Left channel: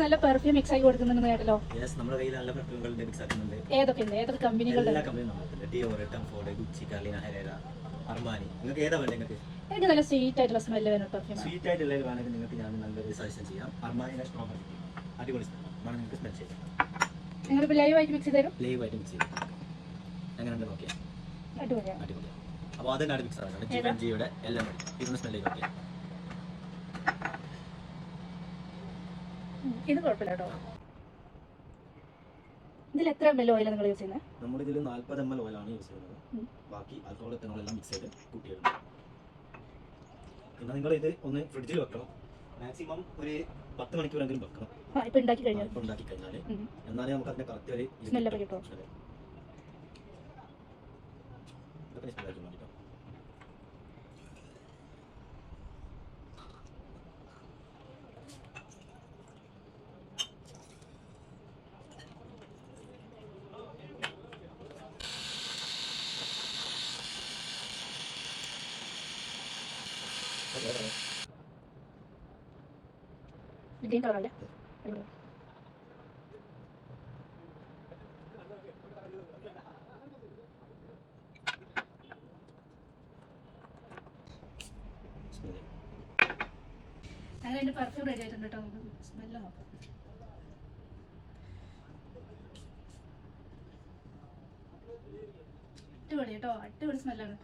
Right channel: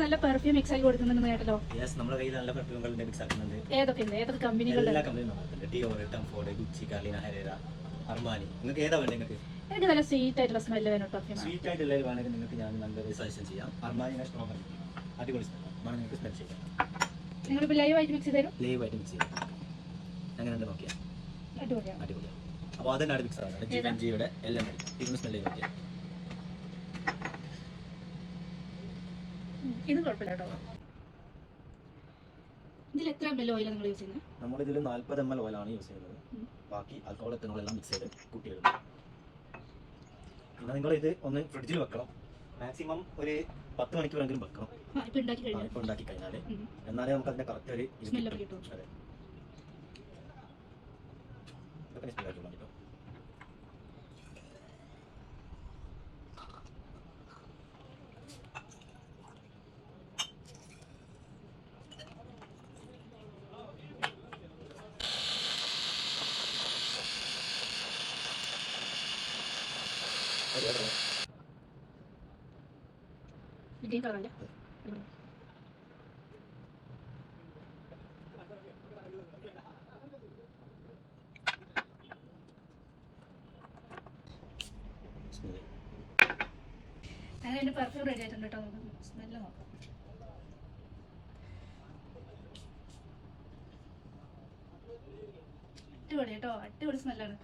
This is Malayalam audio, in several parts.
നല്ല പെർഫ്യൂം മിക്സ് ആയി കൊടുക്കുന്നുണ്ട് കേട്ടല്ലോ. നമ്മുടെ കയ്യിൽ നല്ല പെർഫ്യൂമുകളുടെ മിക്സ് ആക്കുന്നുണ്ട്. ഏതൊക്കെ കമ്പനികളുടെ? എല്ലാ കമ്പനിയും നമുക്കുണ്ട്. Dior, Tom Ford, Gucci, Carolina Herrera, Armani. നിങ്ങൾക്ക് ഏതാ വേണ്ടത്? നിങ്ങൾക്ക് എനിക്ക് നല്ല സ്വീറ്റ് ആയിട്ടുള്ള സ്മെല്ല് വരുന്ന പെർഫ്യൂം. സ്വീറ്റ് ആയിട്ടുള്ള വേണമെങ്കിൽ നിങ്ങൾക്ക് ഞാൻ നല്ലൊരു സജഷൻ ചെയ്യാം. അർമാനിയുടെ സ്ട്രോങ് അടിപൊളി ആണ്, നിങ്ങൾക്ക് സ്മെൽ ചെയ്യാം. നിങ്ങളിപ്പോൾ ലൈവ് ആയിട്ട് മിക്സ് ചെയ്ത് തരും? ലൈവ് ആയിട്ട് മിക്സ് ചെയ്യും. എങ്ങനെയുണ്ട് നോക്കിയാൽ അടിപൊളിയാണ്. അടിപൊളിയാണ്. അപ്പോൾ അതിനാണ് മിക്സ് ആകുന്നത്. GNGയുടെ എല്ലാം ഇതൊന്ന് സ്മെൽ ചെയ്ത് നോക്കിയാൽ. ഇത് കുഴപ്പമില്ല കേട്ടോ. ഇതിൽ എത്ര ml ഓയിൽ നിങ്ങൾ യൂസ് ചെയ്യുന്നത്? നമ്മുടെ ഇതിൽ 40 ml ഓയിലാണ് യൂസ് ചെയ്യുന്നത്. ബാക്കി ആൽക്കഹോൾ എത്തനോൾ എല്ലാം മിക്സ് ചെയ്ത് കൂട്ടിയിടുന്നു. പിന്നെ നിങ്ങൾ ഇത് ഒന്ന് ഫ്രിഡ്ജിൽ വെക്കണം. മാക്സിമം ഒരു 10 മണിക്കൂറെങ്കിലും വെക്കണം. ഇപ്പോൾ ഉണ്ടാക്കി കഴിഞ്ഞാൽ എന്നാലേ നമുക്ക് അതിന്റെ കറക്റ്റ് ഒരു സ്മെല്ലൊക്കെ കിട്ടും. ഗ്രീൻ കളറല്ലേ? അങ്ങനെ എൻ്റെ പെർഫ്യൂം റെഡി ആയിട്ടുണ്ട് കേട്ടോ. സ്മെല്ല് നോക്കാം. അടിപൊളി കേട്ടോ, അടിപൊളി സ്മെല്ലാണ്.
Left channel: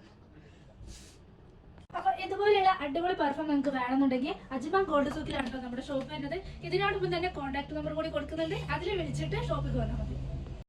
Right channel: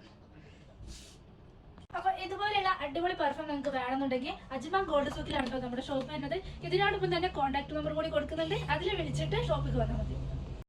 അപ്പൊ ഇതുപോലെയുള്ള അടിപൊളി പെർഫ്യൂം നിങ്ങൾക്ക് വേണമെന്നുണ്ടെങ്കിൽ അജ്മാൻ ഗോൾഡ് സൂക്കിലാണ് കേട്ടോ നമ്മുടെ ഷോപ്പ് വരുന്നത്. ഇതിനോടൊപ്പം തന്നെ കോൺടാക്ട് നമ്പർ കൂടി കൊടുക്കുന്നുണ്ട്. അതിൽ വിളിച്ചിട്ട് ഷോപ്പിൽ വന്നാൽ മതി.